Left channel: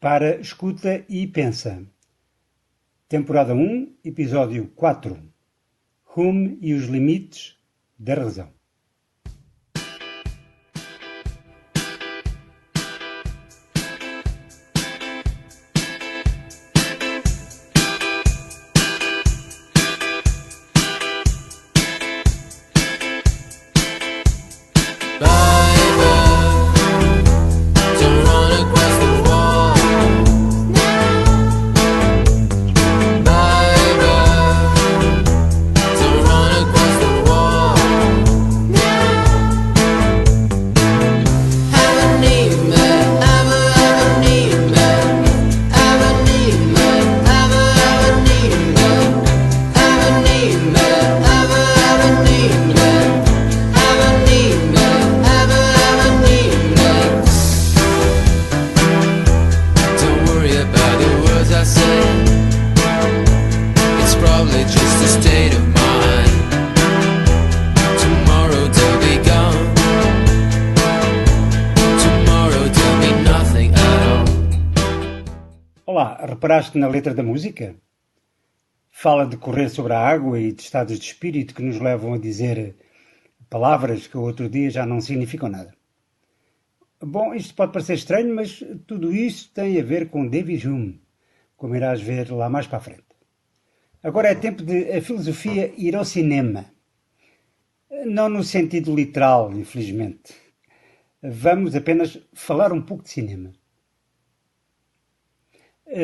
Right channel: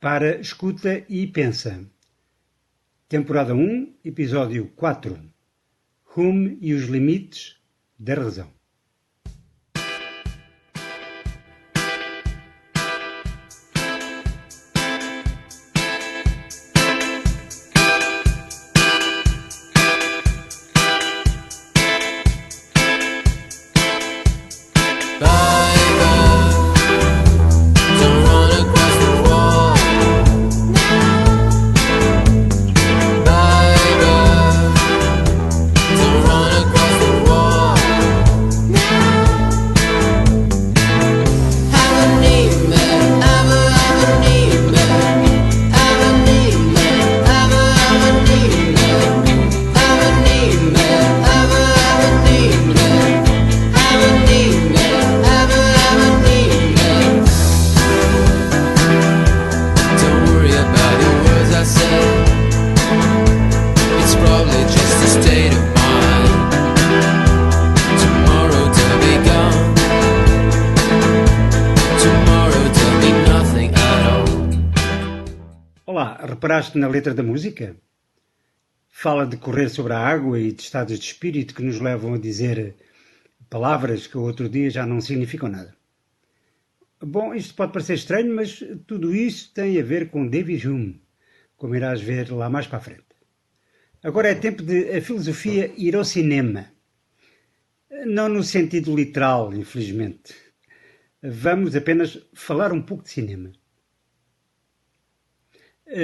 Para, escuta e pensa. Temporada 1, episódio 4. Hume e os limites da razão. Olá, reparaste na letra da música? Fala de correr sobre a água e de estados de espírito que nos levam a dizer palavras que outro dia já não significam nada. Bom, isto pode parecer estranho, mas tudo isso tem a ver com David Hume, como irás ver lá mais para a frente. Agora é tempo de a filosofia ir ao cinema. Não no sentido literal, infelizmente. Vamos apenas falar um pouco de cinema.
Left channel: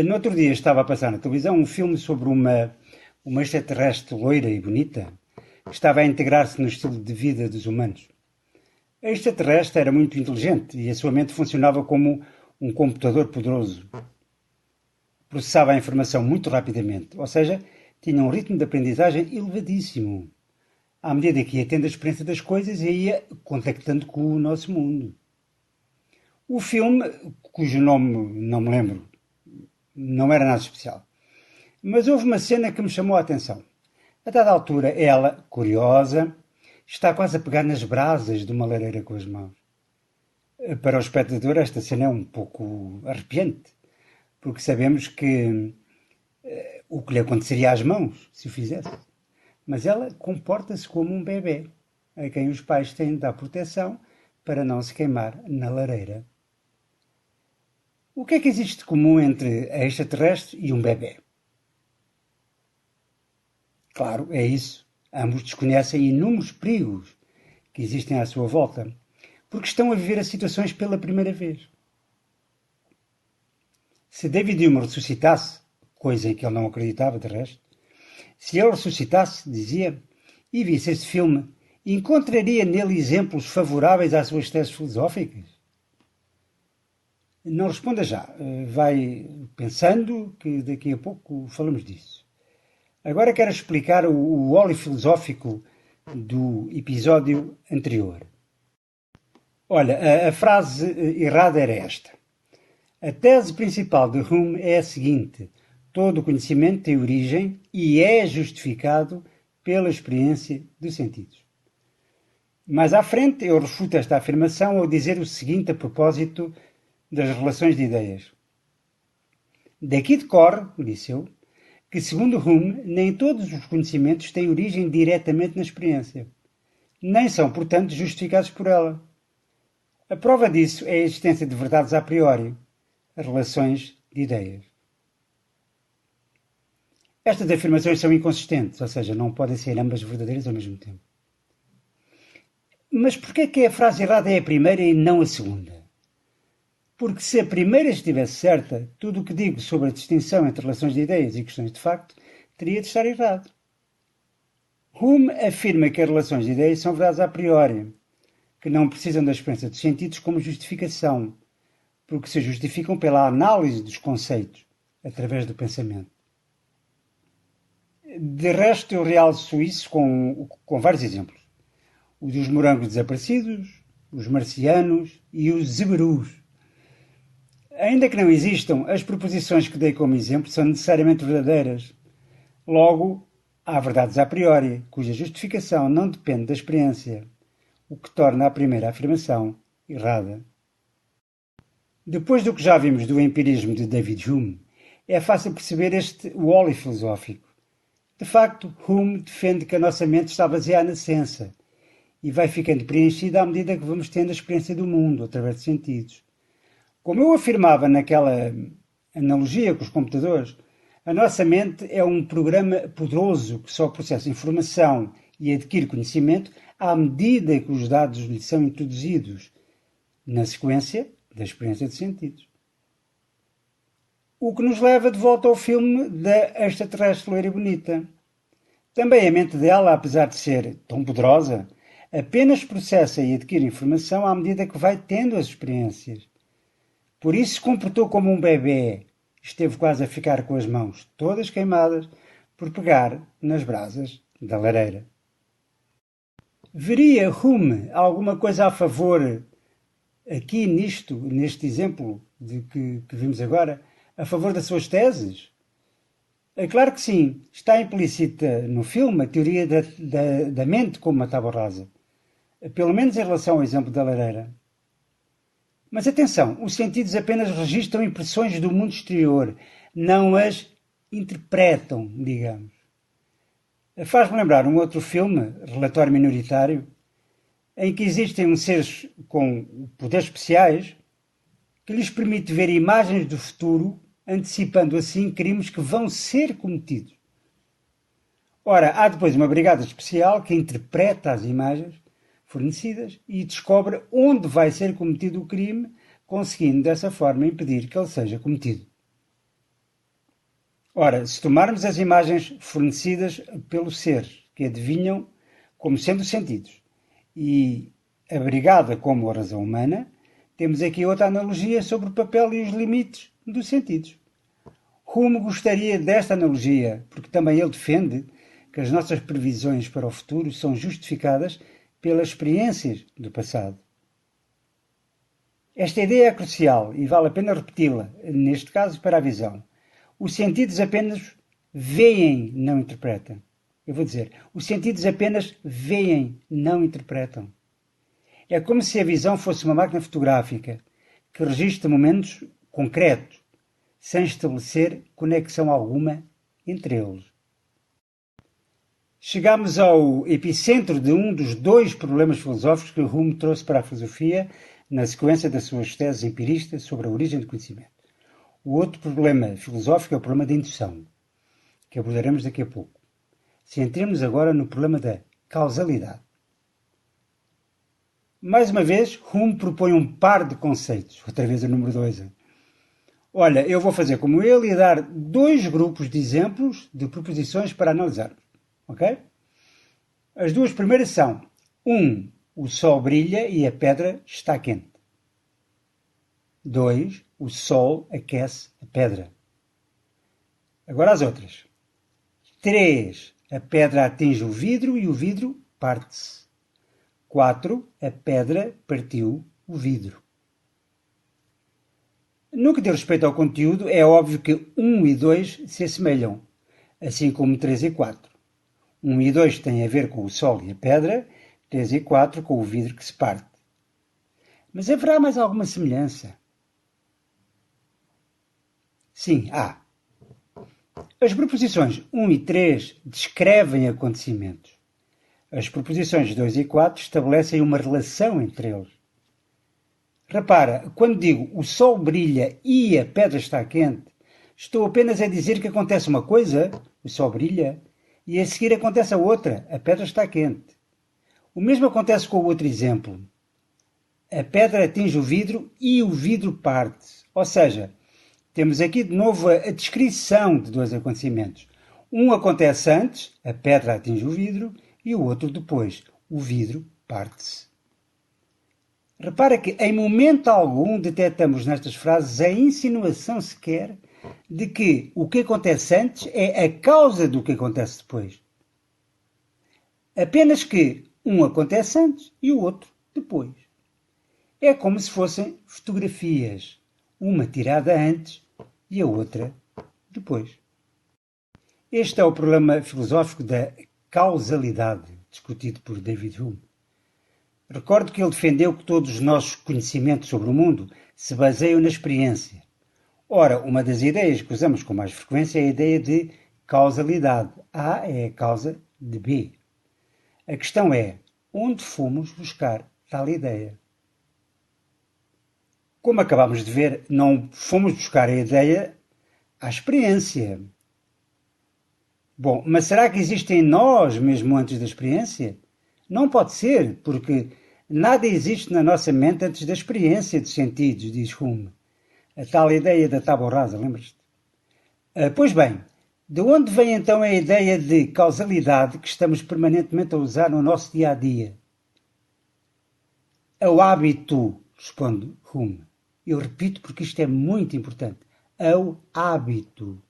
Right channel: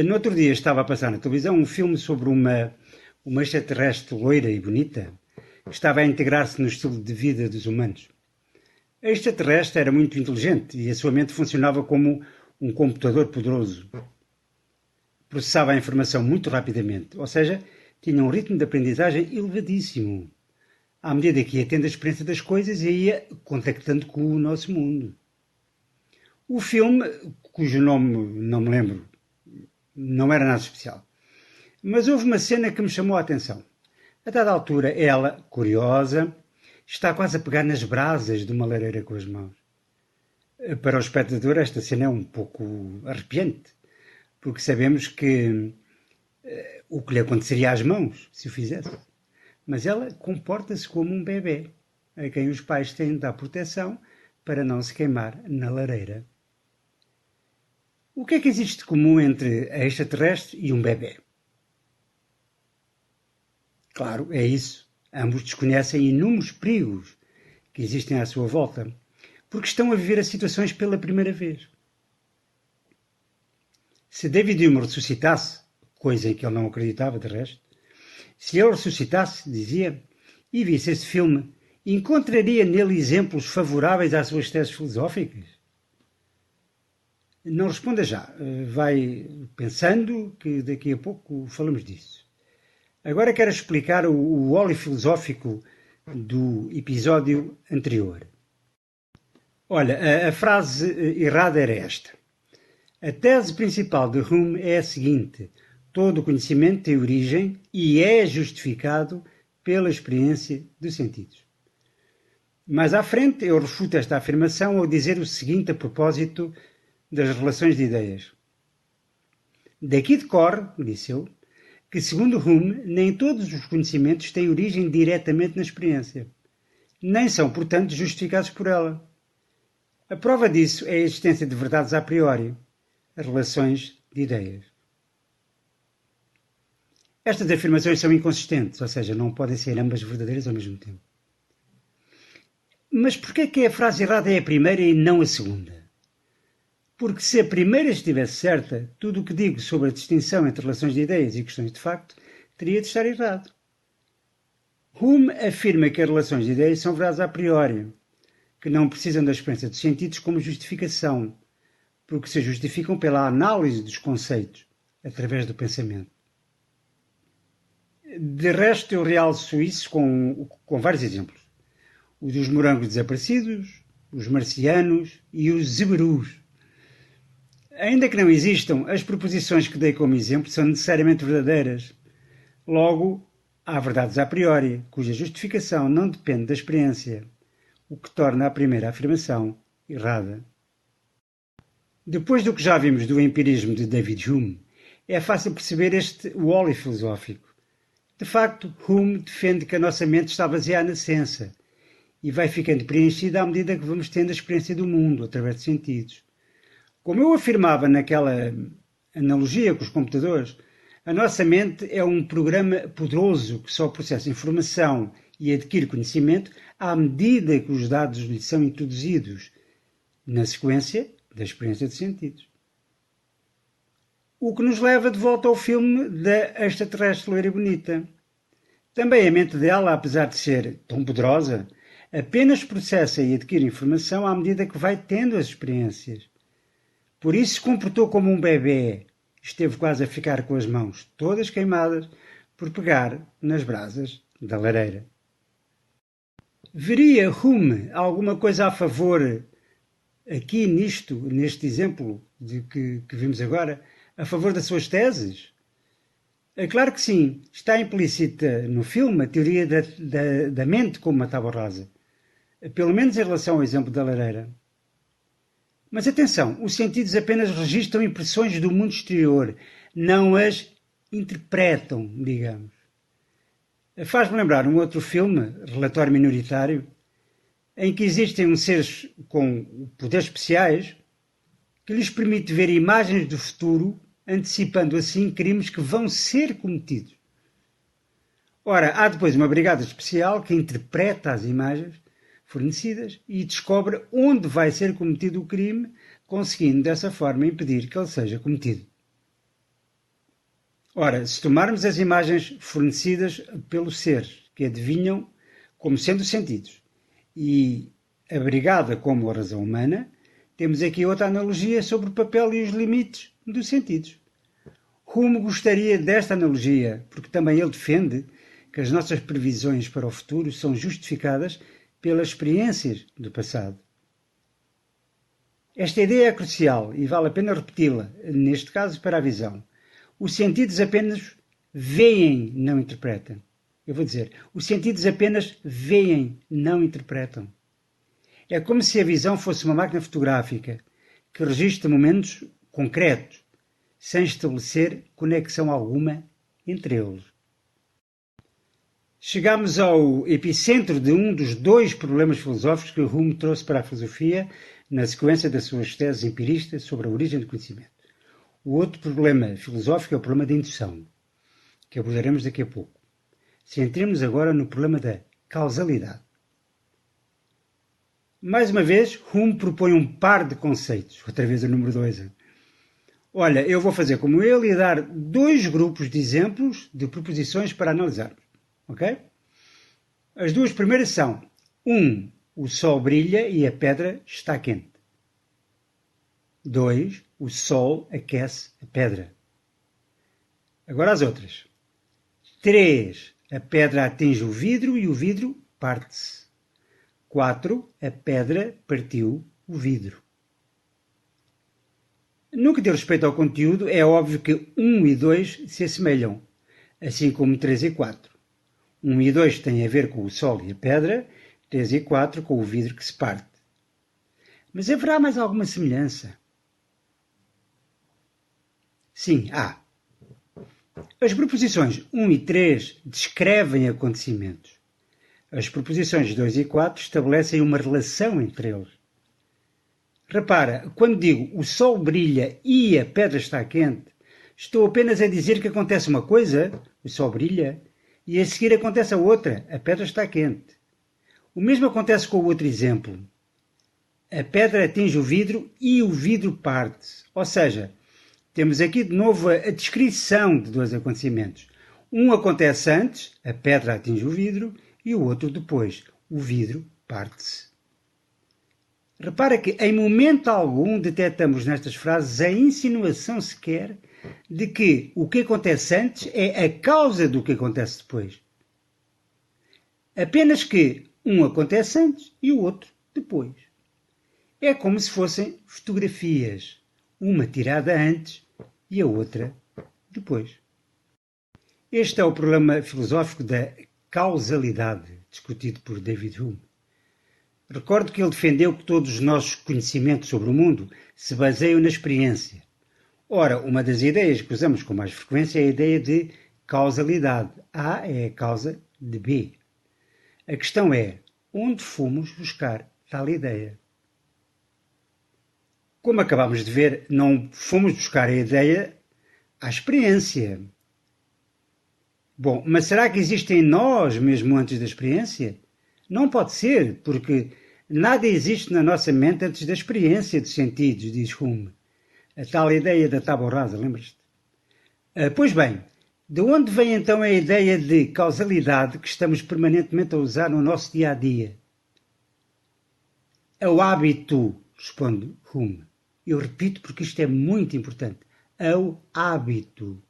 No outro dia estava a passar na televisão um filme sobre uma extraterrestre loira e bonita que estava a integrar-se no estilo de vida dos humanos. A extraterrestre era muito inteligente e a sua mente funcionava como um computador poderoso. Processava a informação muito rapidamente, ou seja, tinha um ritmo de aprendizagem elevadíssimo, à medida que ia tendo a experiência das coisas e ia contactando com o nosso mundo. O filme, cujo nome não me lembro, não era nada especial. Mas houve uma cena que me chamou a atenção. A dada altura, ela, curiosa, está quase a pegar nas brasas de uma lareira com as mãos. Para o espectador, esta cena é um pouco arrepiante, porque sabemos que o que lhe aconteceria às mãos, se o fizesse. Mas ela comporta-se como um bebê, a quem os pais têm de dar proteção para não se queimar na lareira. O que é que existe de comum entre a extraterrestre e um bebê? Claro, é isso. Ambos desconhecem inúmeros perigos que existem à sua volta, porque estão a viver as situações pela primeira vez. Se David Hume ressuscitasse, coisa em que ele não acreditava de resto, se ele ressuscitasse, dizia, e visse esse filme, encontraria nele exemplos favoráveis às suas teses filosóficas? Não responda já. Vai pensando que daqui a pouco falamos disso. Agora quero explicar o óleo filosófico do episódio anterior. Olha, a frase errada era esta. A tese principal de Hume é a seguinte: todo o conhecimento tem origem e é justificado pela experiência dos sentidos. Mais à frente eu refuto esta afirmação ao dizer o seguinte a propósito das relações de ideias. Daqui decorre, disse eu, que segundo Hume, nem todos os conhecimentos têm origem diretamente na experiência, nem são, portanto, justificados por ela. A prova disso é a existência de verdades a priori, as relações de ideias. Estas afirmações são inconsistentes, ou seja, não podem ser ambas verdadeiras ao mesmo tempo. Mas porquê é que a frase errada é a primeira e não a segunda? Porque se a primeira estivesse certa, tudo o que digo sobre a distinção entre relações de ideias e questões de facto teria de estar errado. Hume afirma que as relações de ideias são verdades a priori, que não precisam da experiência dos sentidos como justificação, porque se justificam pela análise dos conceitos, através do pensamento. De resto, eu realço isso com vários exemplos. O dos morangos desaparecidos, os marcianos e os zebrus. Ainda que não existam, as proposições que dei como exemplo são necessariamente verdadeiras. Logo, há verdades a priori, cuja justificação não depende da experiência, o que torna a primeira afirmação errada. Depois do que já vimos do empirismo de David Hume, é fácil perceber este wally filosófico. De facto, Hume defende que a nossa mente está baseada na ciência e vai ficando preenchida à medida que vamos tendo a experiência do mundo, através de sentidos. Como eu afirmava naquela analogia com os computadores, a nossa mente é um programa poderoso que só processa informação e adquire conhecimento à medida que os dados lhe são introduzidos na sequência da experiência de sentidos. O que nos leva de volta ao filme da extraterrestre loira e bonita. Também a mente dela, apesar de ser tão poderosa, apenas processa e adquire informação à medida que vai tendo as experiências. Por isso se comportou como um bebê. Esteve quase a ficar com as mãos todas queimadas por pegar nas brasas da lareira. Veria Hume alguma coisa a favor, aqui neste exemplo que vimos agora, a favor das suas teses? É claro que sim. Está implícita no filme a teoria da mente como uma tábua rasa. Pelo menos em relação ao exemplo da lareira. Mas atenção, os sentidos apenas registram impressões do mundo exterior, não as interpretam, digamos. Faz-me lembrar um outro filme, Relatório Minoritário, em que existem uns seres com poderes especiais que lhes permite ver imagens do futuro, antecipando assim crimes que vão ser cometidos. Ora, há depois uma brigada especial que interpreta as imagens fornecidas e descobre onde vai ser cometido o crime, conseguindo dessa forma impedir que ele seja cometido. Ora, se tomarmos as imagens fornecidas pelos seres que adivinham como sendo sentidos e a brigada como a razão humana, temos aqui outra analogia sobre o papel e os limites dos sentidos. Hume gostaria desta analogia, porque também ele defende que as nossas previsões para o futuro são justificadas pelas experiências do passado. Esta ideia é crucial e vale a pena repeti-la, neste caso para a visão. Os sentidos apenas veem, não interpretam. Eu vou dizer, os sentidos apenas veem, não interpretam. É como se a visão fosse uma máquina fotográfica que registra momentos concretos, sem estabelecer conexão alguma entre eles. Chegamos ao epicentro de um dos dois problemas filosóficos que Hume trouxe para a filosofia na sequência das suas teses empiristas sobre a origem do conhecimento. O outro problema filosófico é o problema da indução, que abordaremos daqui a pouco. Centremos agora no problema da causalidade. Mais uma vez, Hume propõe um par de conceitos, outra vez o número 2. Olha, eu vou fazer como ele e dar dois grupos de exemplos de proposições para analisarmos. Ok? As duas primeiras são: 1. O sol brilha e a pedra está quente. 2. O sol aquece a pedra. Agora as outras. 3. A pedra atinge o vidro e o vidro parte-se. 4. A pedra partiu o vidro. No que diz respeito ao conteúdo, é óbvio que 1 e 2 se assemelham, assim como 3 e 4. 1 e 2 têm a ver com o sol e a pedra, 3 e 4 com o vidro que se parte. Mas haverá mais alguma semelhança? Sim, há. As proposições 1 e 3 descrevem acontecimentos. As proposições 2 e 4 estabelecem uma relação entre eles. Repara, quando digo o sol brilha e a pedra está quente, estou apenas a dizer que acontece uma coisa, o sol brilha, e a seguir acontece a outra, a pedra está quente. O mesmo acontece com o outro exemplo. A pedra atinge o vidro e o vidro parte-se. Ou seja, temos aqui de novo a descrição de dois acontecimentos. Um acontece antes, a pedra atinge o vidro, e o outro depois, o vidro parte-se. Repara que em momento algum detectamos nestas frases a insinuação sequer de que o que acontece antes é a causa do que acontece depois. Apenas que um acontece antes e o outro depois. É como se fossem fotografias, uma tirada antes e a outra depois. Este é o problema filosófico da causalidade, discutido por David Hume. Recordo que ele defendeu que todos os nossos conhecimentos sobre o mundo se baseiam na experiência. Ora, uma das ideias que usamos com mais frequência é a ideia de causalidade. A é a causa de B. A questão é, onde fomos buscar tal ideia? Como acabámos de ver, não fomos buscar a ideia à experiência. Bom, mas será que existe em nós mesmo antes da experiência? Não pode ser, porque nada existe na nossa mente antes da experiência dos sentidos, diz Hume. A tal ideia da tábua rasa, lembras-te? Pois bem, de onde vem então a ideia de causalidade que estamos permanentemente a usar no nosso dia-a-dia? É o hábito, responde Hume. Eu repito porque isto é muito importante. É o hábito.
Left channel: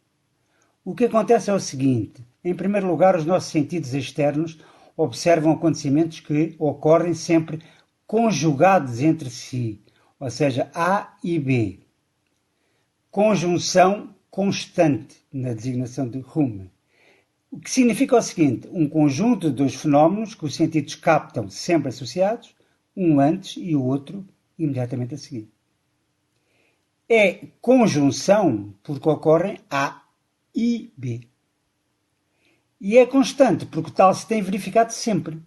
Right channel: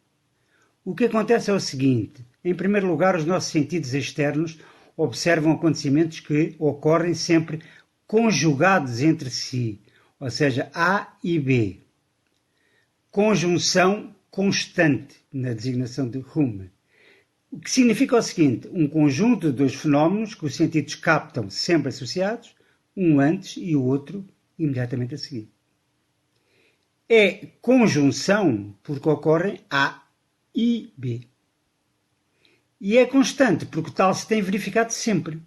O que acontece é o seguinte. Em primeiro lugar, os nossos sentidos externos observam acontecimentos que ocorrem sempre conjugados entre si, ou seja, A e B. Conjunção constante na designação de Hume. O que significa o seguinte, um conjunto de dois fenómenos que os sentidos captam sempre associados, um antes e o outro imediatamente a seguir. É conjunção porque ocorrem A e B. E é constante porque tal se tem verificado sempre.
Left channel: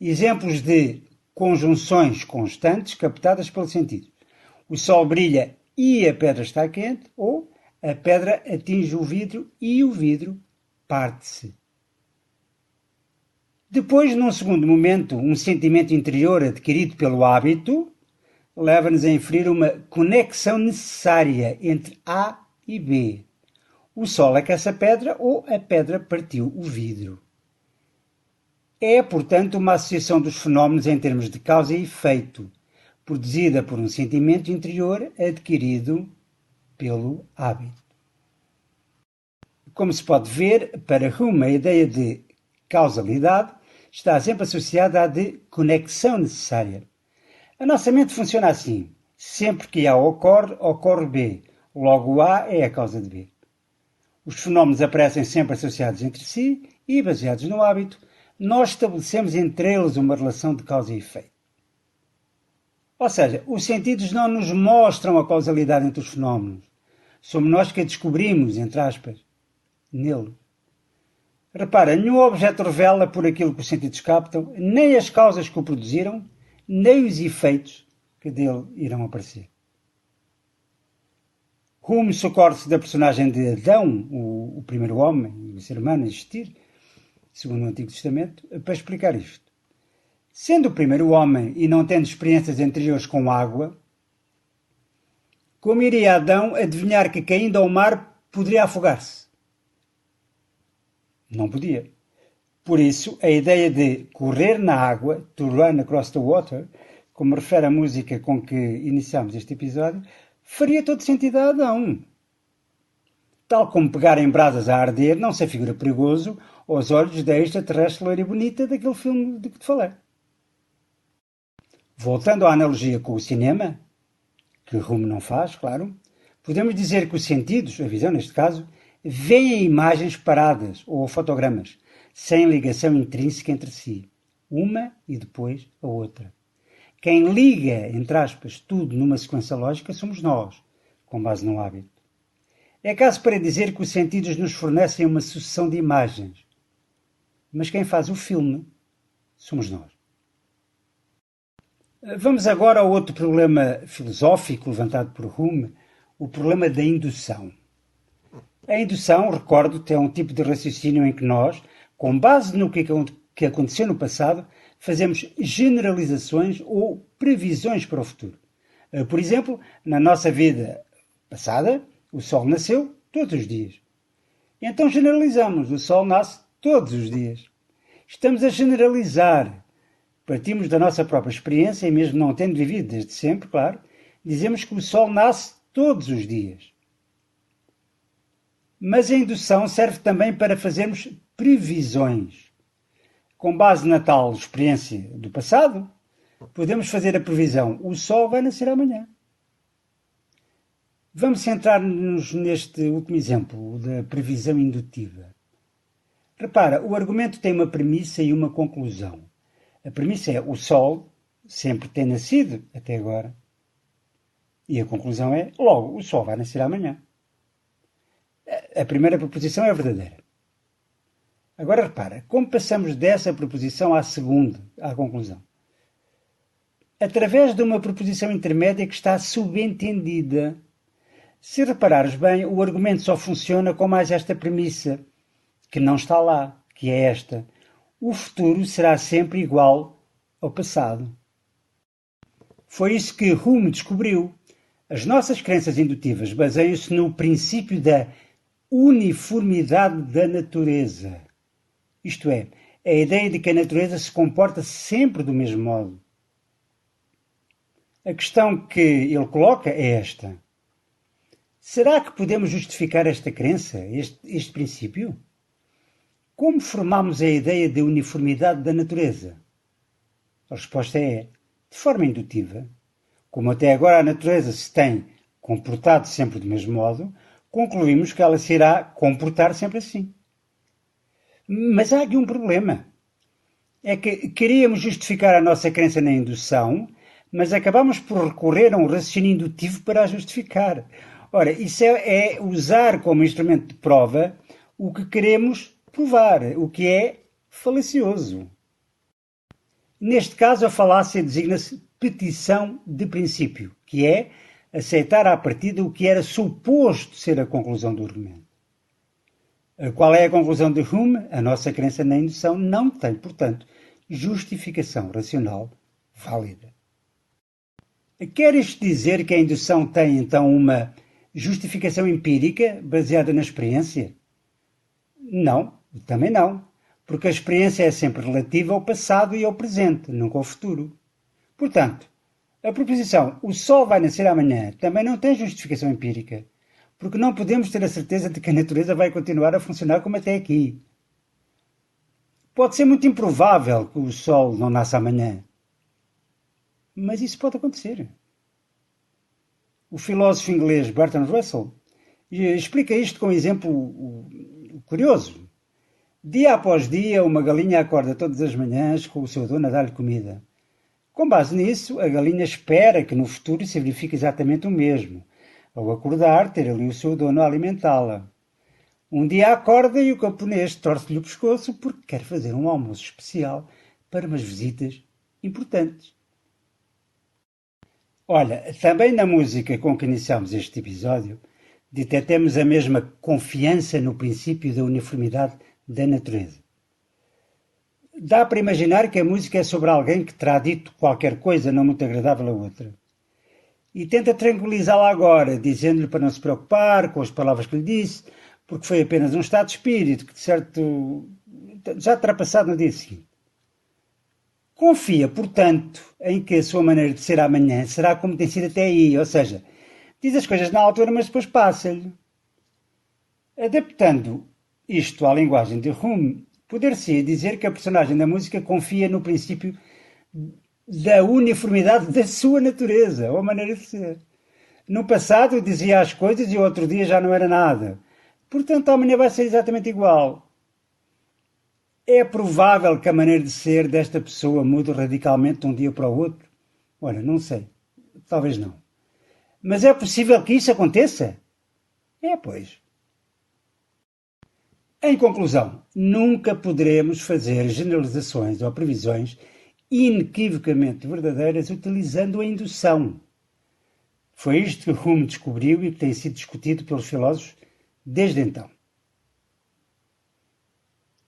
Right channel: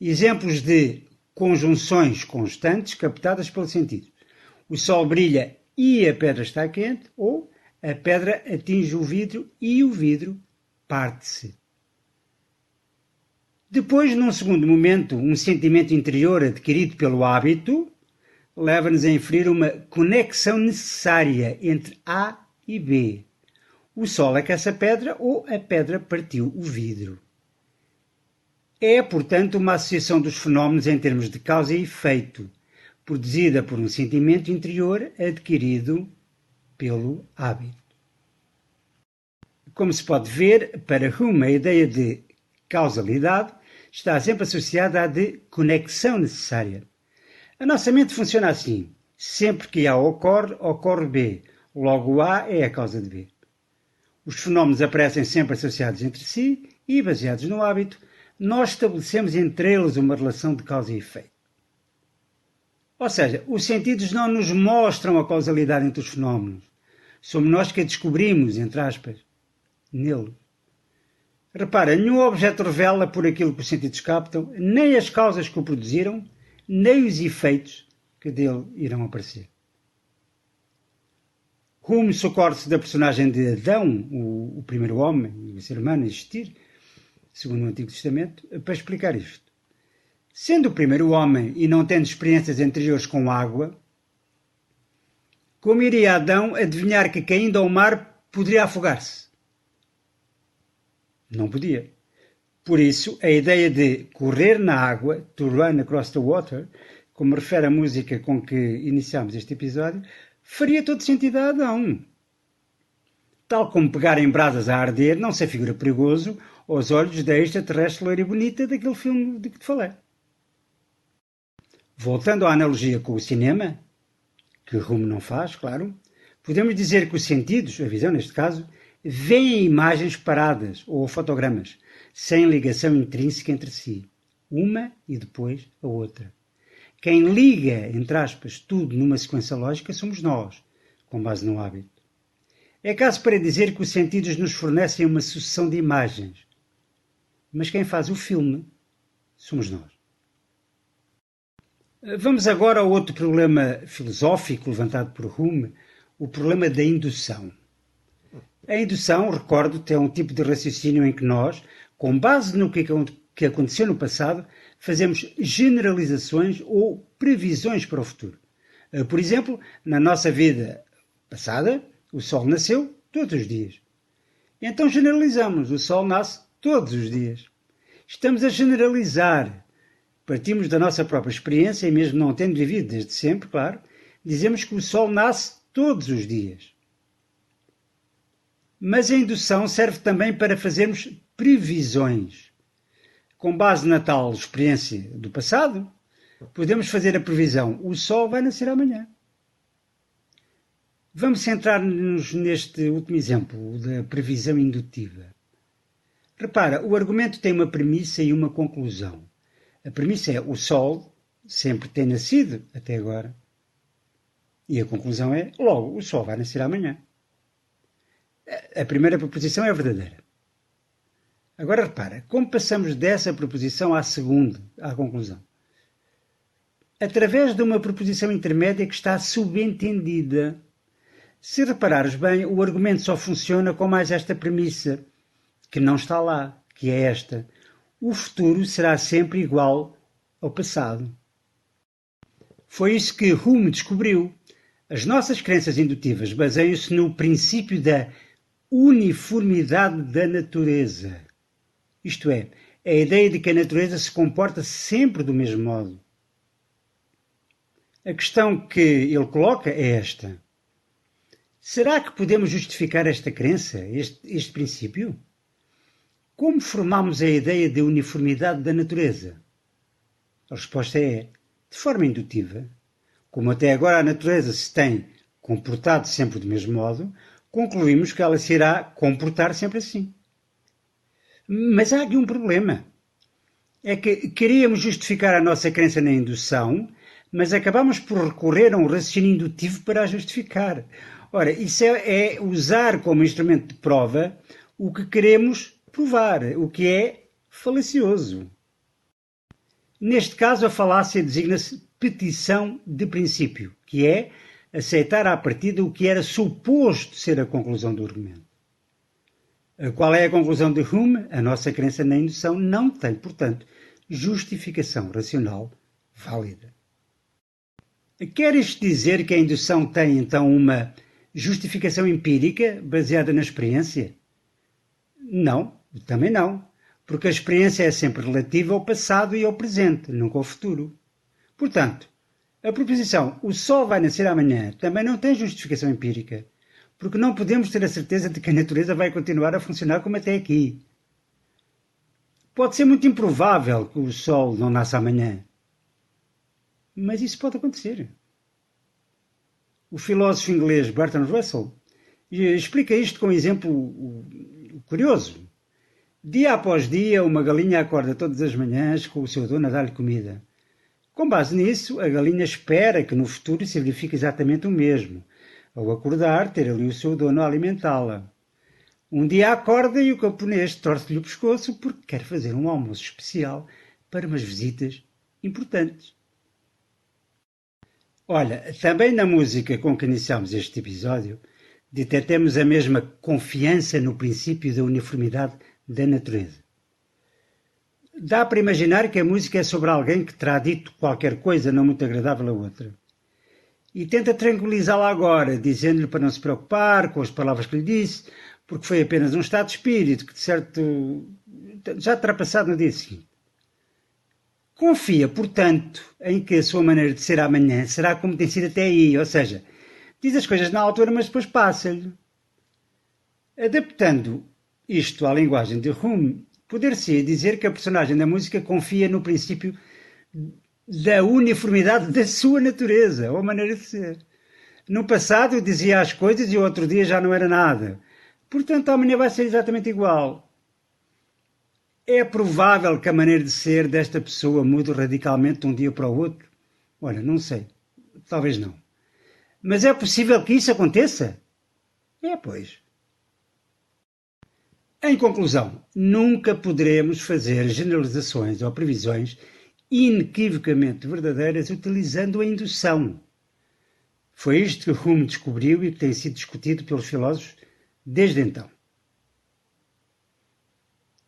Exemplos de conjunções constantes captadas pelo sentido. O sol brilha e a pedra está quente, ou a pedra atinge o vidro e o vidro parte-se. Depois, num segundo momento, um sentimento interior adquirido pelo hábito leva-nos a inferir uma conexão necessária entre A e B. O sol aquece a pedra ou a pedra partiu o vidro. É, portanto, uma associação dos fenómenos em termos de causa e efeito, produzida por um sentimento interior adquirido pelo hábito. Como se pode ver, para Hume a ideia de causalidade está sempre associada à de conexão necessária. A nossa mente funciona assim. Sempre que A ocorre, ocorre B. Logo A é a causa de B. Os fenómenos aparecem sempre associados entre si e, baseados no hábito, nós estabelecemos entre eles uma relação de causa e efeito. Ou seja, os sentidos não nos mostram a causalidade entre os fenómenos. Somos nós que a descobrimos, entre aspas, nele. Repara, nenhum objeto revela por aquilo que os sentidos captam, nem as causas que o produziram, nem os efeitos que dele irão aparecer. Hume socorre-se da personagem de Adão, o primeiro homem, o ser humano a existir, segundo o Antigo Testamento, para explicar isto. Sendo o primeiro homem e não tendo experiências anteriores com água, como iria Adão adivinhar que caindo ao mar poderia afogar-se? Não podia. Por isso, a ideia de correr na água, to run across the water, como refere a música com que iniciamos este episódio, faria todo sentido a Adão. Tal como pegar em brasas a arder não se afigura perigoso aos olhos da extraterrestre loira e bonita daquele filme de que te falei. Voltando à analogia com o cinema, que Hume não faz, claro, podemos dizer que os sentidos, a visão neste caso, veem imagens paradas ou fotogramas, sem ligação intrínseca entre si, uma e depois a outra. Quem liga, entre aspas, tudo numa sequência lógica somos nós, com base no hábito. É caso para dizer que os sentidos nos fornecem uma sucessão de imagens, mas quem faz o filme somos nós. Vamos agora ao outro problema filosófico levantado por Hume, o problema da indução. A indução, recordo-te, é um tipo de raciocínio em que nós, com base no que aconteceu no passado, fazemos generalizações ou previsões para o futuro. Por exemplo, na nossa vida passada, o Sol nasceu todos os dias. Então generalizamos, o Sol nasce todos os dias. Estamos a generalizar. Partimos da nossa própria experiência, e mesmo não tendo vivido desde sempre, claro, dizemos que o Sol nasce todos os dias. Mas a indução serve também para fazermos previsões. Com base na tal experiência do passado, podemos fazer a previsão: o Sol vai nascer amanhã. Vamos centrar-nos neste último exemplo, da previsão indutiva. Repara, o argumento tem uma premissa e uma conclusão. A premissa é: o Sol sempre tem nascido até agora. E a conclusão é, logo, o sol vai nascer amanhã. A primeira proposição é verdadeira. Agora repara, como passamos dessa proposição à segunda, à conclusão? Através de uma proposição intermédia que está subentendida. Se reparares bem, o argumento só funciona com mais esta premissa, que não está lá, que é esta. O futuro será sempre igual ao passado. Foi isso que Hume descobriu. As nossas crenças indutivas baseiam-se no princípio da uniformidade da natureza. Isto é, a ideia de que a natureza se comporta sempre do mesmo modo. A questão que ele coloca é esta. Será que podemos justificar esta crença, este princípio? Como formamos a ideia de uniformidade da natureza? A resposta é, de forma indutiva. Como até agora a natureza se tem comportado sempre do mesmo modo, concluímos que ela se irá comportar sempre assim. Mas há aqui um problema. É que queríamos justificar a nossa crença na indução, mas acabamos por recorrer a um raciocínio indutivo para a justificar. Ora, isso é usar como instrumento de prova o que queremos provar, o que é falacioso. Neste caso, a falácia designa-se petição de princípio, que é aceitar à partida o que era suposto ser a conclusão do argumento. Qual é a conclusão de Hume? A nossa crença na indução não tem, portanto, justificação racional válida. Quer isto dizer que a indução tem, então, uma justificação empírica baseada na experiência? Não, também não, porque a experiência é sempre relativa ao passado e ao presente, nunca ao futuro. Portanto, a proposição "o sol vai nascer amanhã" também não tem justificação empírica, porque não podemos ter a certeza de que a natureza vai continuar a funcionar como até aqui. Pode ser muito improvável que o sol não nasça amanhã, mas isso pode acontecer. O filósofo inglês Bertrand Russell explica isto com um exemplo curioso. Dia após dia, uma galinha acorda todas as manhãs com o seu dono a dar-lhe comida. Com base nisso, a galinha espera que no futuro se verifique exatamente o mesmo. Ao acordar, ter ali o seu dono a alimentá-la. Um dia acorda e o camponês torce-lhe o pescoço porque quer fazer um almoço especial para umas visitas importantes. Olha, também na música com que iniciamos este episódio, detectemos a mesma confiança no princípio da uniformidade da natureza. Dá para imaginar que a música é sobre alguém que terá dito qualquer coisa não muito agradável a outra. E tenta tranquilizá-la agora, dizendo-lhe para não se preocupar com as palavras que lhe disse, porque foi apenas um estado de espírito que, de certo, já terá passado no dia seguinte. Confia, portanto, em que a sua maneira de ser amanhã será como tem sido até aí, ou seja, diz as coisas na altura, mas depois passa-lhe. Adaptando isto à linguagem de Hume, poder-se dizer que a personagem da música confia no princípio da uniformidade da sua natureza, ou maneira de ser. No passado dizia as coisas e o outro dia já não era nada. Portanto, amanhã vai ser exatamente igual. É provável que a maneira de ser desta pessoa mude radicalmente de um dia para o outro? Olha, não sei. Talvez não. Mas é possível que isso aconteça? É, pois. Em conclusão, nunca poderemos fazer generalizações ou previsões inequivocamente verdadeiras utilizando a indução. Foi isto que Hume descobriu e que tem sido discutido pelos filósofos desde então.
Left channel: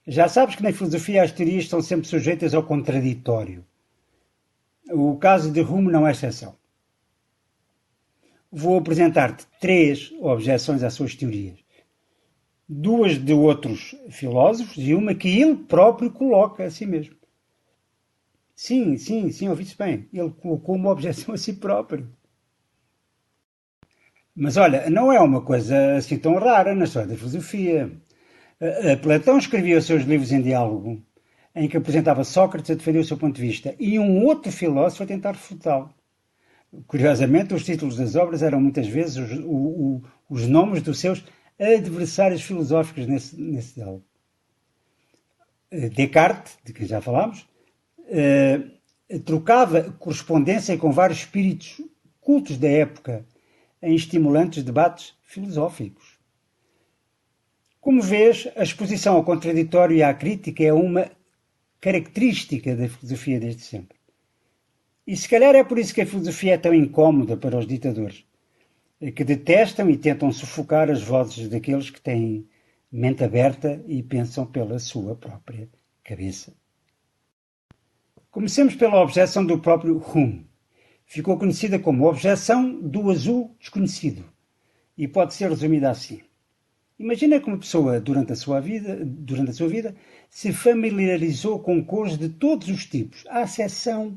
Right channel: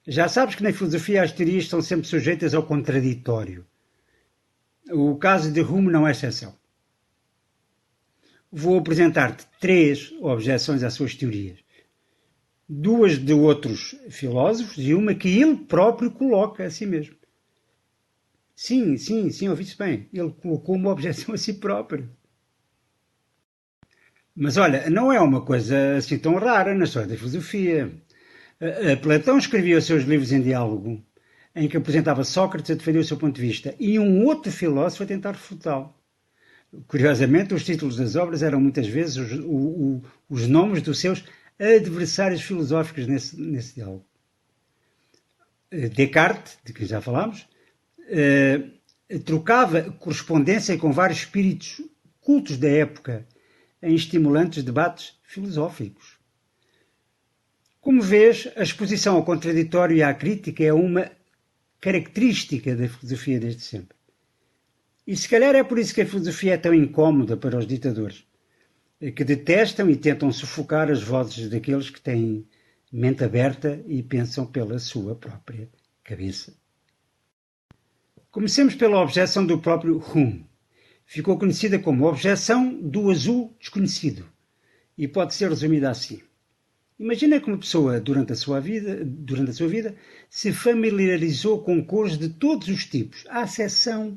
Já sabes que na filosofia as teorias estão sempre sujeitas ao contraditório. O caso de Hume não é exceção. Vou apresentar-te 3 objeções às suas teorias. 2 de outros filósofos e uma que ele próprio coloca a si mesmo. Sim, ouvi-se bem. Ele colocou uma objeção a si próprio. Mas olha, não é uma coisa assim tão rara na história da filosofia. Platão escrevia os seus livros em diálogo, em que apresentava Sócrates a defender o seu ponto de vista, e um outro filósofo a tentar refutá-lo. Curiosamente, os títulos das obras eram muitas vezes os nomes dos seus adversários filosóficos nesse diálogo. Descartes, de quem já falámos, trocava correspondência com vários espíritos cultos da época, em estimulantes debates filosóficos. Como vês, a exposição ao contraditório e à crítica é uma característica da filosofia desde sempre. E se calhar é por isso que a filosofia é tão incómoda para os ditadores, que detestam e tentam sufocar as vozes daqueles que têm mente aberta e pensam pela sua própria cabeça. Comecemos pela objeção do próprio Hume. Ficou conhecida como objeção do azul desconhecido e pode ser resumida assim. Imagina que uma pessoa, durante a sua vida, se familiarizou com cores de todos os tipos, à exceção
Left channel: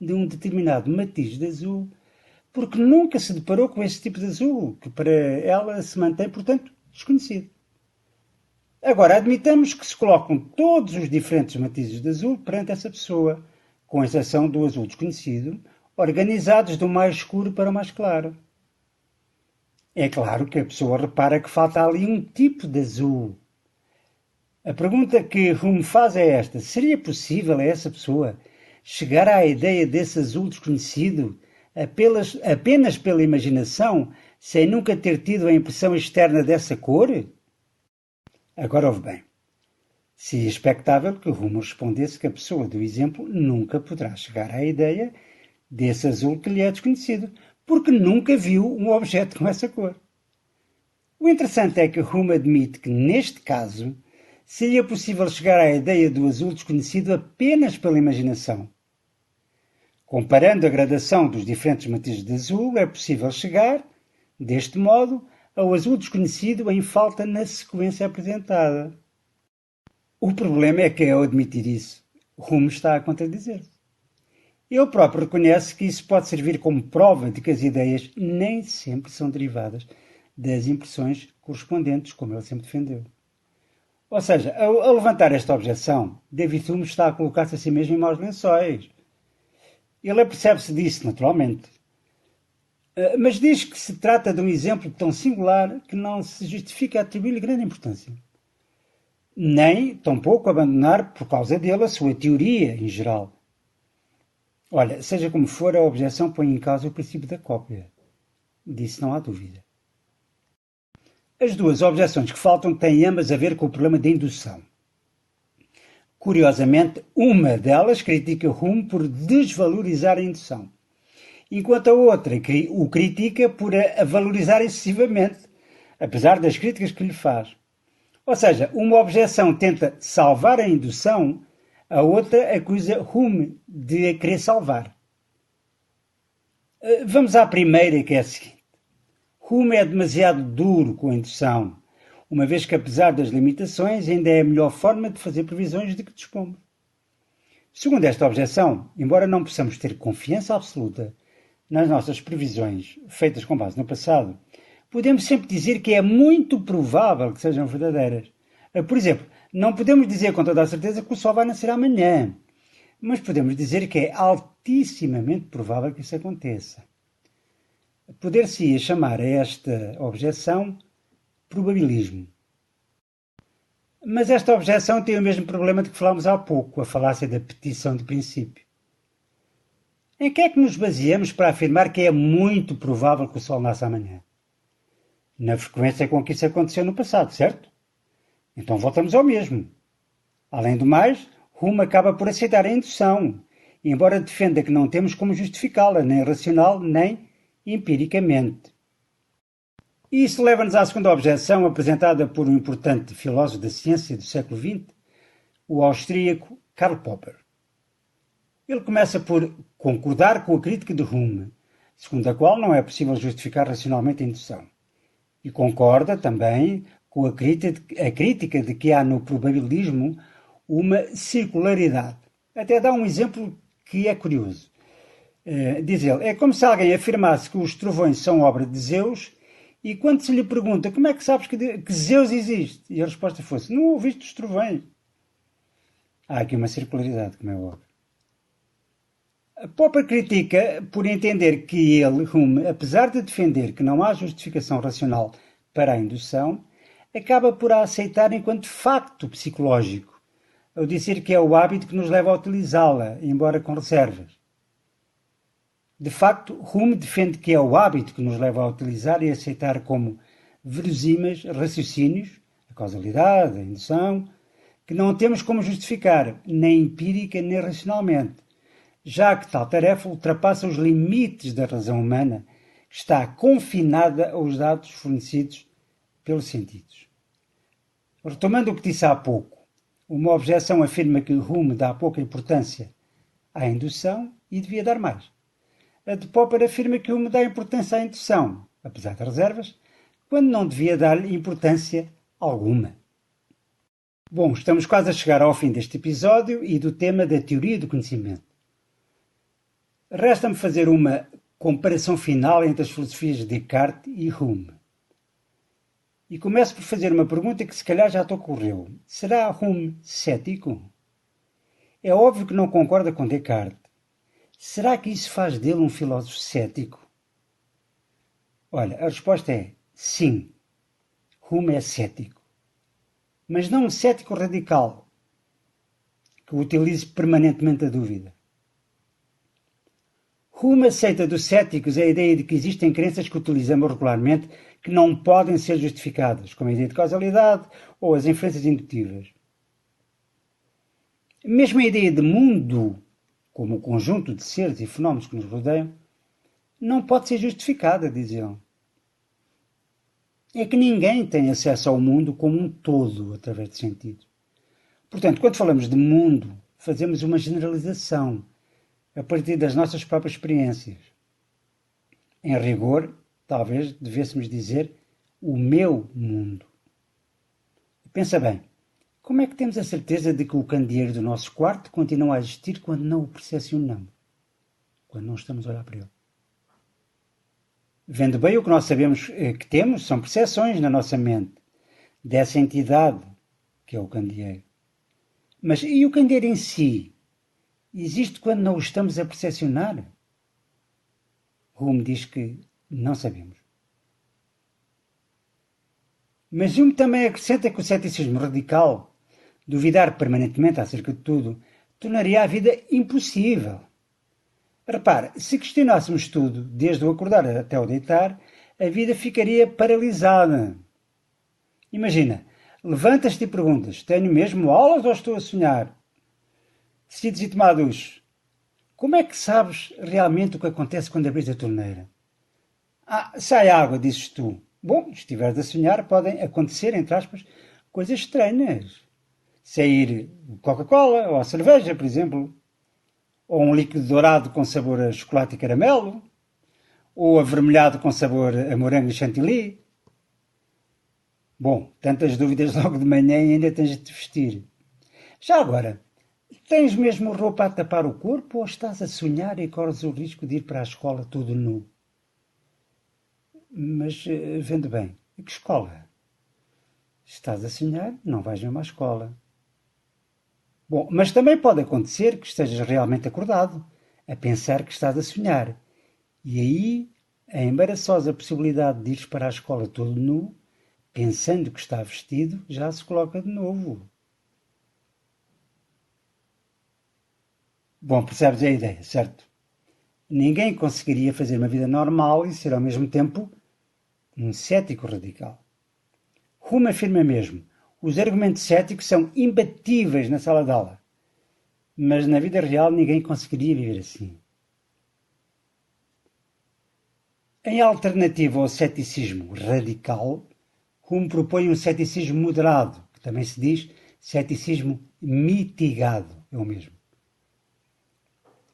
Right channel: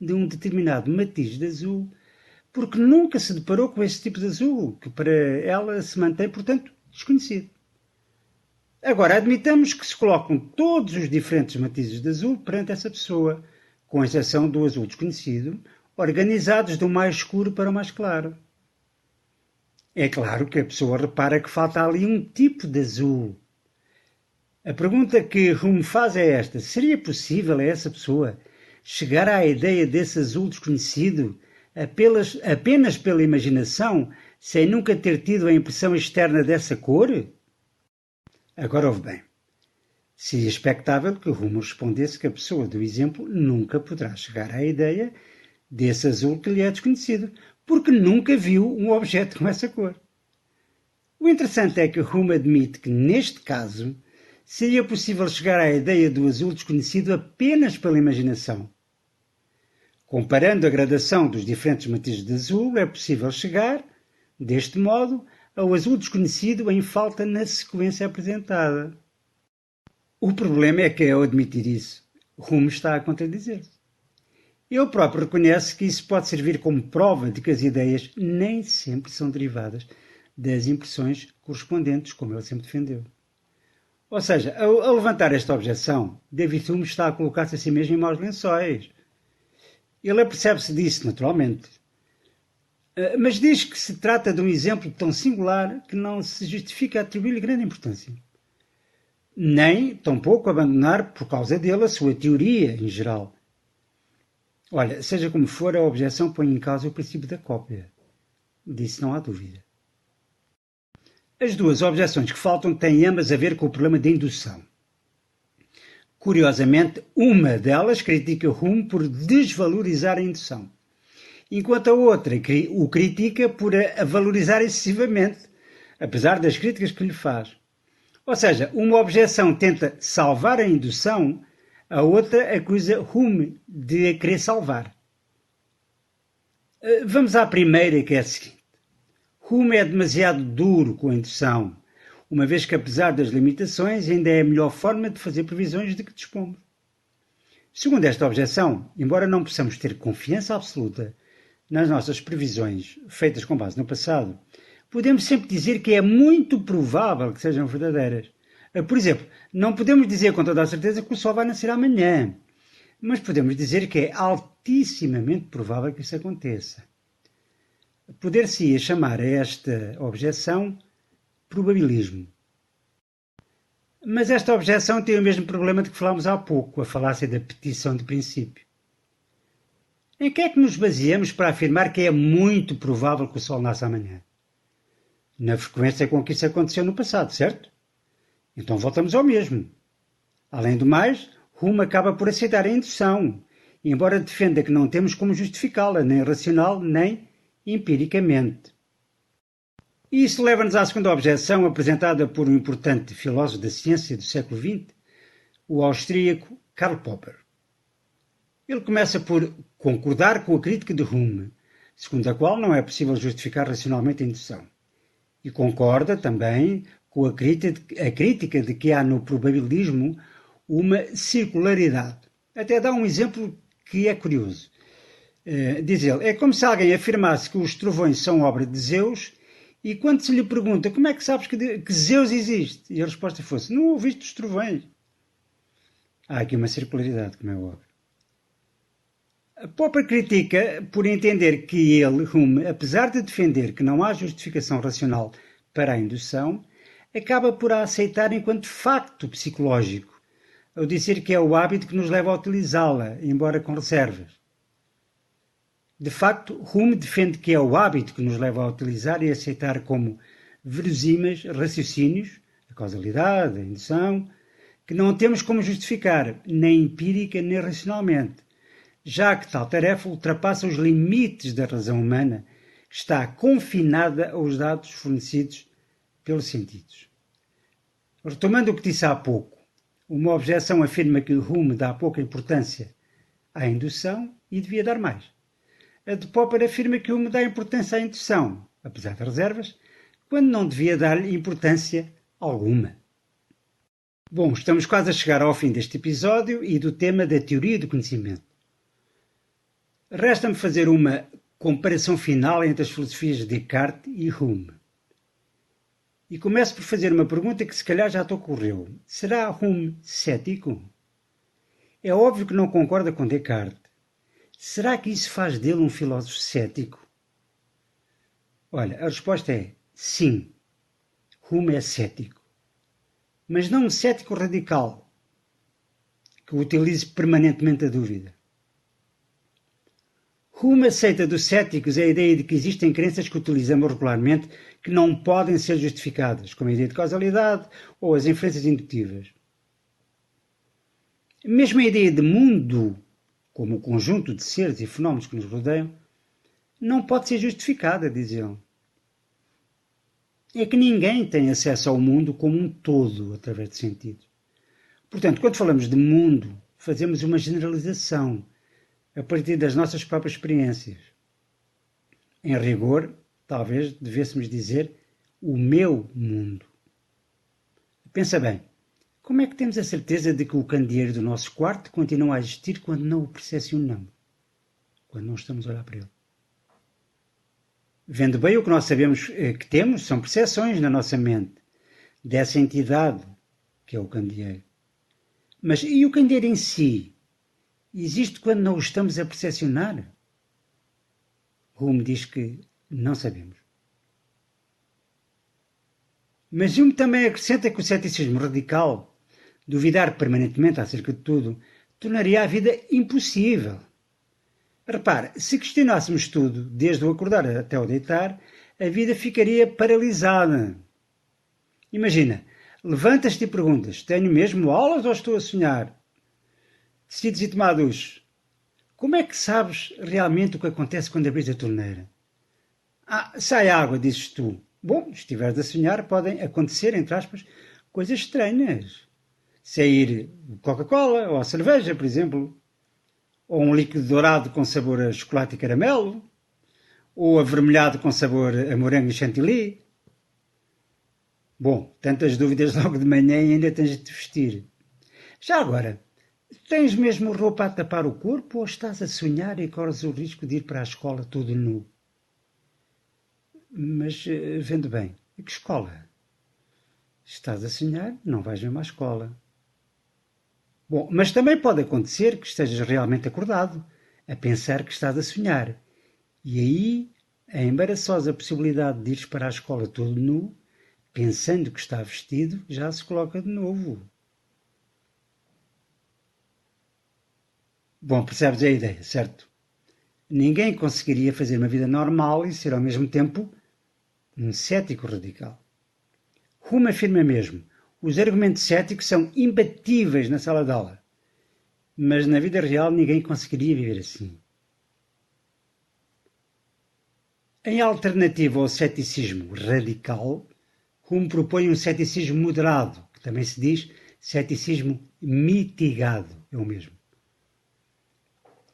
de um determinado matiz de azul, porque nunca se deparou com esse tipo de azul, que para ela se mantém, portanto, desconhecido. Agora, admitamos que se colocam todos os diferentes matizes de azul perante essa pessoa, com exceção do azul desconhecido, organizados do mais escuro para o mais claro. É claro que a pessoa repara que falta ali um tipo de azul. A pergunta que Hume faz é esta: seria possível a essa pessoa chegar à ideia desse azul desconhecido apenas pela imaginação, sem nunca ter tido a impressão externa dessa cor? Agora ouve bem. Seria expectável que Hume respondesse que a pessoa do exemplo nunca poderá chegar à ideia desse azul que lhe é desconhecido, porque nunca viu um objeto com essa cor. O interessante é que Hume admite que, neste caso, seria possível chegar à ideia do azul desconhecido apenas pela imaginação. Comparando a gradação dos diferentes matizes de azul, é possível chegar, deste modo, ao azul desconhecido em falta na sequência apresentada. O problema é que, ao admitir isso, Hume está a contradizer-se. Ele próprio reconhece que isso pode servir como prova de que as ideias nem sempre são derivadas das impressões correspondentes, como ele sempre defendeu. Ou seja, ao levantar esta objeção, David Hume está a colocar-se a si mesmo em maus lençóis. Ele apercebe-se disso, naturalmente. Mas diz que se trata de um exemplo tão singular que não se justifica atribuir-lhe grande importância. Nem, tampouco, abandonar por causa dele a sua teoria em geral. Olha, seja como for, a objeção põe em causa o princípio da cópia. Disso não há dúvida. As duas objeções que faltam têm ambas a ver com o problema da indução. Curiosamente, uma delas critica Hume por desvalorizar a indução, enquanto a outra o critica por a valorizar excessivamente, apesar das críticas que lhe faz. Ou seja, uma objeção tenta salvar a indução, a outra acusa Hume de a querer salvar. Vamos à primeira, que é a seguinte. Hume é demasiado duro com a indução, uma vez que, apesar das limitações, ainda é a melhor forma de fazer previsões de que dispomos. Segundo esta objeção, embora não possamos ter confiança absoluta nas nossas previsões feitas com base no passado, podemos sempre dizer que é muito provável que sejam verdadeiras. Por exemplo, não podemos dizer com toda a certeza que o sol vai nascer amanhã, mas podemos dizer que é altissimamente provável que isso aconteça. Poder-se-ia chamar a esta objeção probabilismo. Mas esta objeção tem o mesmo problema de que falámos há pouco, a falácia da petição de princípio. Em que é que nos baseamos para afirmar que é muito provável que o sol nasça amanhã? Na frequência com que isso aconteceu no passado, certo? Então voltamos ao mesmo. Além do mais, Hume acaba por aceitar a indução, embora defenda que não temos como justificá-la, nem racional, nem empiricamente. E isso leva-nos à segunda objeção apresentada por um importante filósofo da ciência do século XX, o austríaco Karl Popper. Ele começa por concordar com a crítica de Hume, segundo a qual não é possível justificar racionalmente a indução. E concorda também com a crítica de que há no probabilismo uma circularidade. Até dá um exemplo que é curioso. Diz ele, é como se alguém afirmasse que os trovões são obra de Zeus e quando se lhe pergunta como é que sabes que Zeus existe? E a resposta fosse, não ouviste os trovões. Há aqui uma circularidade, como é óbvio. Popper critica por entender que ele, Hume, apesar de defender que não há justificação racional para a indução, acaba por a aceitar enquanto facto psicológico, ao dizer que é o hábito que nos leva a utilizá-la, embora com reservas. De facto, Hume defende que é o hábito que nos leva a utilizar e aceitar como verosímeis raciocínios, a causalidade, a indução, que não temos como justificar, nem empírica nem racionalmente, já que tal tarefa ultrapassa os limites da razão humana, que está confinada aos dados fornecidos pelos sentidos. Retomando o que disse há pouco, uma objeção afirma que Hume dá pouca importância à indução e devia dar mais. A de Popper afirma que Hume dá importância à indução, apesar das reservas, quando não devia dar importância alguma. Bom, estamos quase a chegar ao fim deste episódio e do tema da teoria do conhecimento. Resta-me fazer uma comparação final entre as filosofias de Descartes e Hume. E começo por fazer uma pergunta que se calhar já te ocorreu. Será Hume cético? É óbvio que não concorda com Descartes. Será que isso faz dele um filósofo cético? Olha, a resposta é sim. Hume é cético. Mas não um cético radical, que utilize permanentemente a dúvida. Hume aceita dos céticos a ideia de que existem crenças que utilizamos regularmente que não podem ser justificadas, como a ideia de causalidade ou as inferências indutivas. Mesmo a ideia de mundo, como o conjunto de seres e fenómenos que nos rodeiam, não pode ser justificada, diz ele. É que ninguém tem acesso ao mundo como um todo, através de sentidos. Portanto, quando falamos de mundo, fazemos uma generalização a partir das nossas próprias experiências. Em rigor, talvez devêssemos dizer o meu mundo. Pensa bem, como é que temos a certeza de que o candeeiro do nosso quarto continua a existir quando não o percepcionamos? Quando não estamos a olhar para ele? Vendo bem, o que nós sabemos que temos são percepções na nossa mente dessa entidade que é o candeeiro. Mas e o candeeiro em si? Existe quando não o estamos a percepcionar? Hume diz que não sabemos. Mas Hume também acrescenta que o ceticismo radical, duvidar permanentemente acerca de tudo, tornaria a vida impossível. Repare, se questionássemos tudo, desde o acordar até o deitar, a vida ficaria paralisada. Imagina, levantas-te e perguntas, tenho mesmo aulas ou estou a sonhar? Decides ir tomar duche. Como é que sabes realmente o que acontece quando abres a torneira? Sai água, dizes tu. Bom, se estiveres a sonhar, podem acontecer, entre aspas, coisas estranhas. Sair Coca-Cola ou cerveja, por exemplo. Ou um líquido dourado com sabor a chocolate e caramelo. Ou avermelhado com sabor a morango e chantilly. Bom, tantas dúvidas logo de manhã e ainda tens de te vestir. Já agora, tens mesmo roupa a tapar o corpo ou estás a sonhar e corres o risco de ir para a escola todo nu? Mas, vendo bem, a que escola? Estás a sonhar, não vais mesmo à escola. Bom, mas também pode acontecer que estejas realmente acordado, a pensar que estás a sonhar. E aí, a embaraçosa possibilidade de ires para a escola todo nu, pensando que está vestido, já se coloca de novo. Bom, percebes a ideia, certo? Ninguém conseguiria fazer uma vida normal e ser ao mesmo tempo um cético radical. Hume afirma mesmo, os argumentos céticos são imbatíveis na sala de aula, mas na vida real ninguém conseguiria viver assim. Em alternativa ao ceticismo radical, Hume propõe um ceticismo moderado, que também se diz ceticismo mitigado, é o mesmo.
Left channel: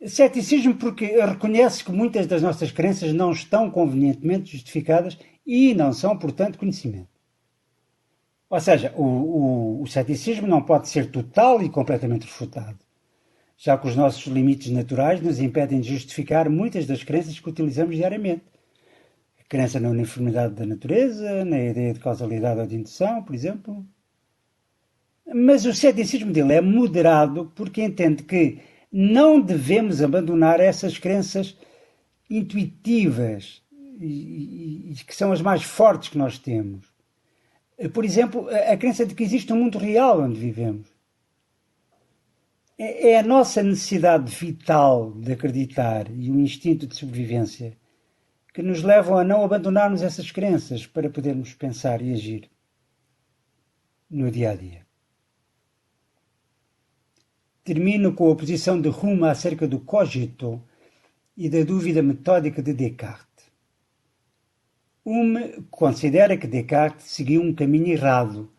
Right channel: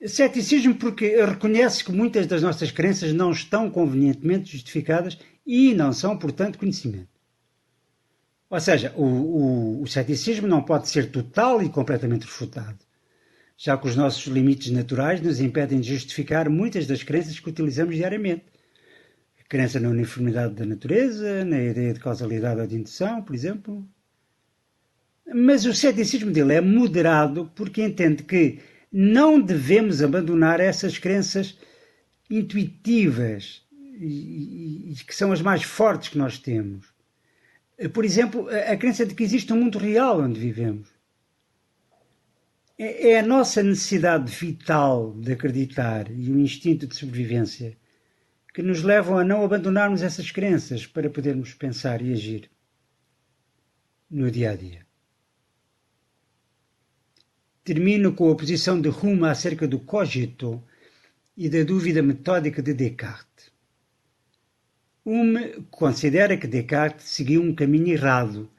Ceticismo porque reconhece que muitas das nossas crenças não estão convenientemente justificadas e não são, portanto, conhecimento. Ou seja, o ceticismo não pode ser total e completamente refutado, já que os nossos limites naturais nos impedem de justificar muitas das crenças que utilizamos diariamente. A crença na uniformidade da natureza, na ideia de causalidade ou de indução, por exemplo. Mas o ceticismo dele é moderado porque entende que não devemos abandonar essas crenças intuitivas e que são as mais fortes que nós temos. Por exemplo, a crença de que existe um mundo real onde vivemos. É a nossa necessidade vital de acreditar e o instinto de sobrevivência que nos levam a não abandonarmos essas crenças para podermos pensar e agir no dia-a-dia. Termino com a posição de Hume acerca do cogito e da dúvida metódica de Descartes. Hume considera que Descartes seguiu um caminho errado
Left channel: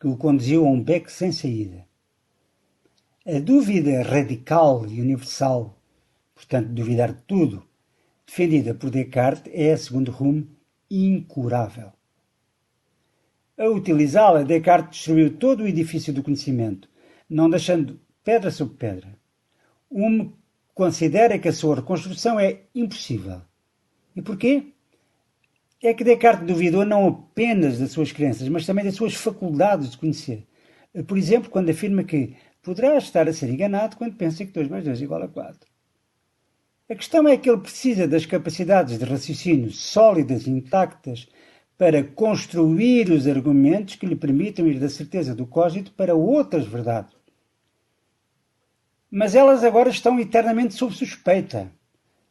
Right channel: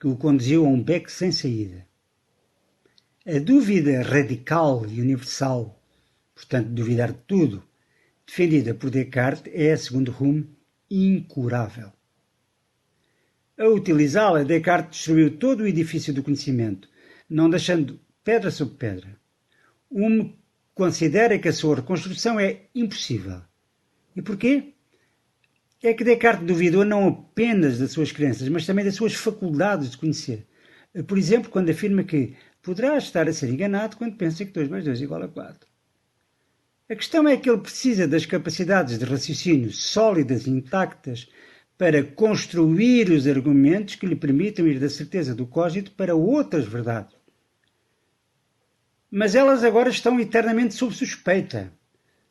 que o conduziu a um beco sem saída. A dúvida radical e universal, portanto duvidar de tudo, defendida por Descartes é, segundo Hume, incurável. A utilizá-la, Descartes destruiu todo o edifício do conhecimento, não deixando pedra sobre pedra. Hume considera que a sua reconstrução é impossível. E porquê? É que Descartes duvidou não apenas das suas crenças, mas também das suas faculdades de conhecer. Por exemplo, quando afirma que poderá estar a ser enganado quando pensa que 2 mais 2 igual a 4. A questão é que ele precisa das capacidades de raciocínio sólidas e intactas para construir os argumentos que lhe permitam ir da certeza do cogito para outras verdades. Mas elas agora estão eternamente sob suspeita,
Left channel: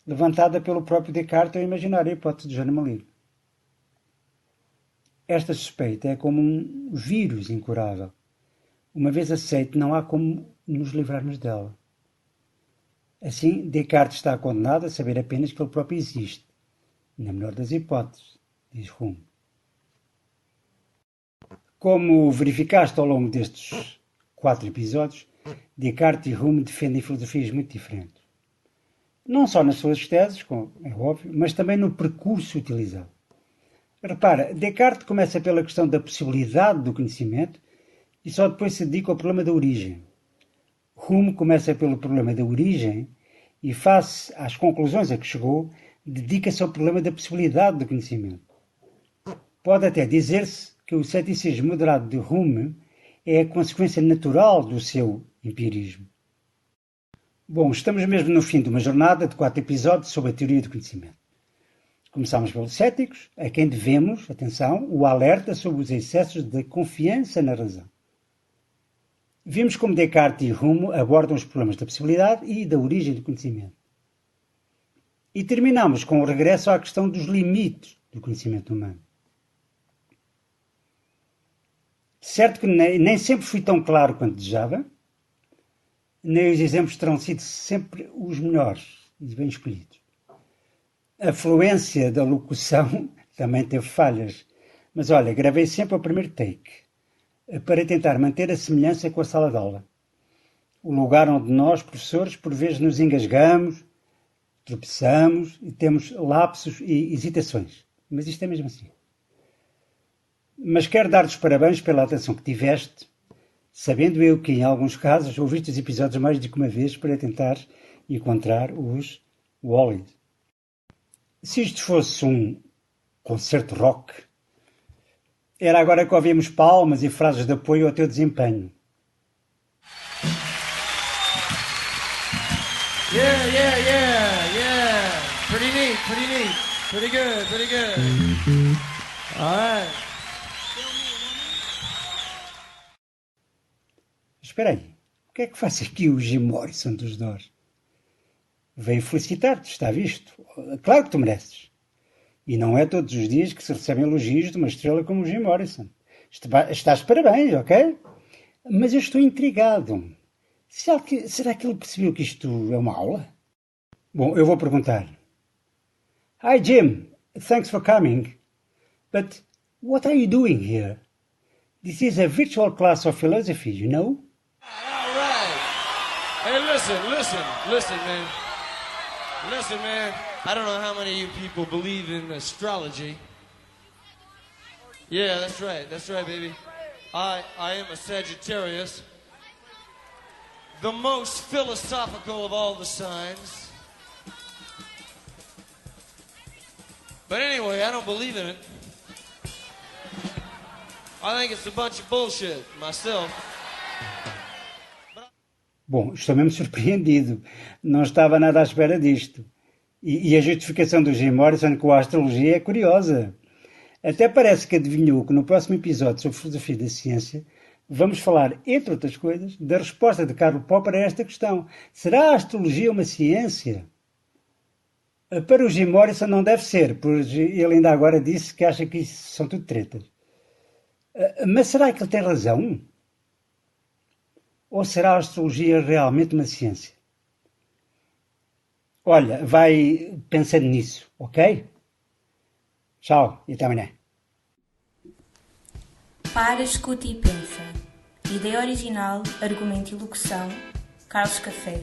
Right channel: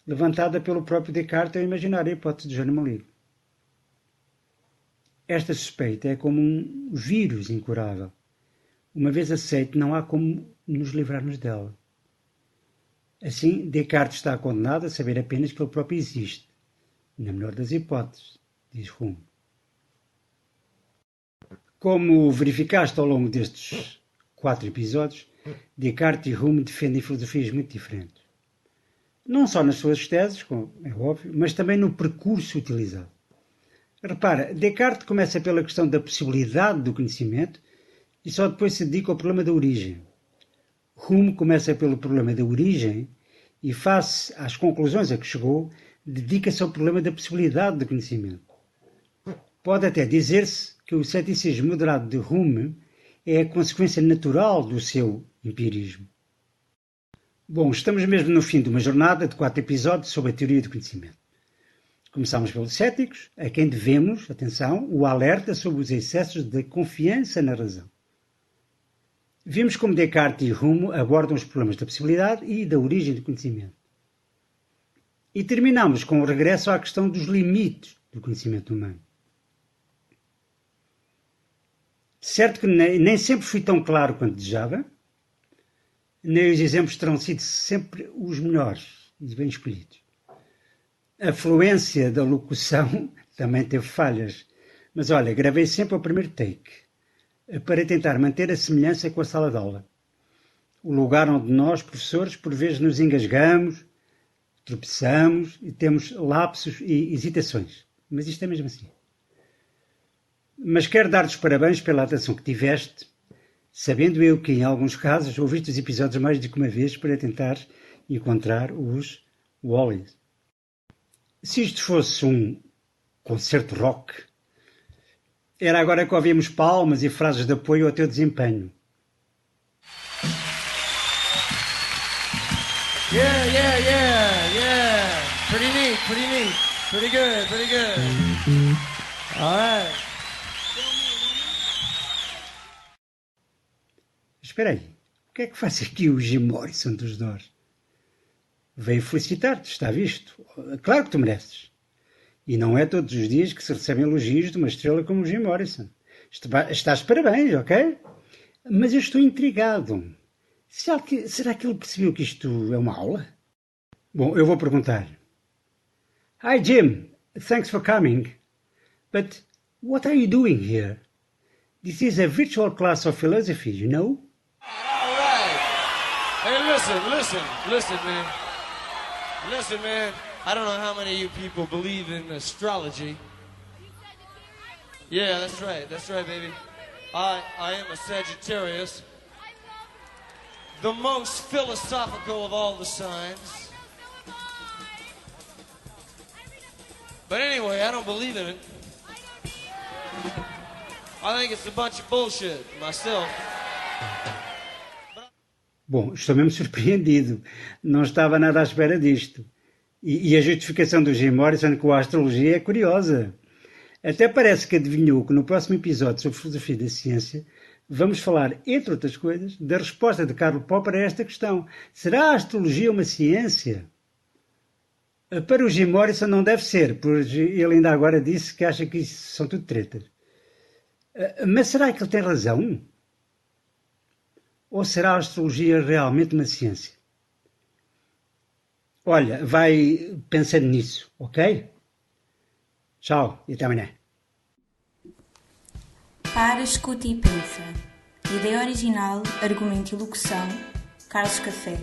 levantada pelo próprio Descartes ao imaginar a hipótese de Jerônimo Livre. Esta suspeita é como um vírus incurável. Uma vez aceite, não há como nos livrarmos dela. Assim, Descartes está condenado a saber apenas que ele próprio existe, na melhor das hipóteses, diz Hume. Como verificaste ao longo destes 4 episódios, Descartes e Hume defendem filosofias muito diferentes. Não só nas suas teses, como é óbvio, mas também no percurso utilizado. Repara, Descartes começa pela questão da possibilidade do conhecimento e só depois se dedica ao problema da origem. Hume começa pelo problema da origem e, face às conclusões a que chegou, dedica-se ao problema da possibilidade do conhecimento. Pode até dizer-se que o ceticismo moderado de Hume é a consequência natural do seu empirismo. Bom, estamos mesmo no fim de uma jornada de 4 episódios sobre a teoria do conhecimento. Começámos pelos céticos, a quem devemos, atenção, o alerta sobre os excessos de confiança na razão. Vimos como Descartes e Hume abordam os problemas da possibilidade e da origem do conhecimento. E terminamos com o regresso à questão dos limites do conhecimento humano. Certo que nem sempre fui tão claro quanto desejava, nem os exemplos terão sido sempre os melhores, os bem escolhidos. A fluência da locução também teve falhas, mas olha, gravei sempre ao primeiro take, para tentar manter a semelhança com a sala de aula. O lugar onde nós, professores, por vezes nos engasgamos, tropeçamos e temos lapsos e hesitações. Mas isto é mesmo assim. Mas quero dar-te os parabéns pela atenção que tiveste, sabendo eu que, em alguns casos, ouviste os episódios mais do que uma vez para tentar encontrar os Wallis. Se isto fosse um concerto rock, era agora que ouvimos palmas e frases de apoio ao teu desempenho. Yeah. Pretty neat. Pretty good. All right. Espera aí, o que é que faz aqui o Jim Morrison dos Doors? Veio felicitar-te, está visto? Claro que tu mereces. E não é todos os dias que se recebem elogios de uma estrela como o Jim Morrison. Estás de parabéns, ok? Mas eu estou intrigado. Será que ele percebeu que isto é uma aula? Bom, eu vou perguntar. Hi Jim, thanks for coming. But what are you doing here? This is a virtual class of philosophy, you know? All right. Hey, listen, man. Listen, man. I don't know how many of you people believe in astrology. Yeah, that's right, baby. I am a Sagittarius. The most philosophical of all the signs. But anyway, I don't believe in it. I think it's a bunch of bullshit, myself. Bom, estou mesmo surpreendido. Não estava nada à espera disto. E a justificação do Jim Morrison com a astrologia é curiosa. Até parece que adivinhou que no próximo episódio sobre filosofia da ciência Vamos falar, entre outras coisas, da resposta de Karl Popper a esta questão. Será a astrologia uma ciência? Para o Jim Morrison não deve ser, pois ele ainda agora disse que acha que isso são tudo tretas. Mas será que ele tem razão? Ou será a astrologia realmente uma ciência? Olha, vai pensando nisso, ok? Tchau e até amanhã. Para, escuta e pensa. Ideia original, argumento e locução, Carlos Café.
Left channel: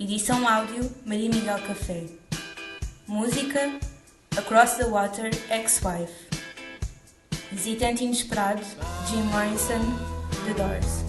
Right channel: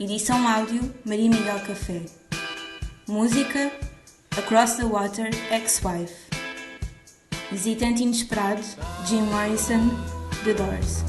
Edição áudio, Maria Miguel Café. Música, Across the Water, Ex-Wife. Visitante inesperado, Jim Morrison, The Doors.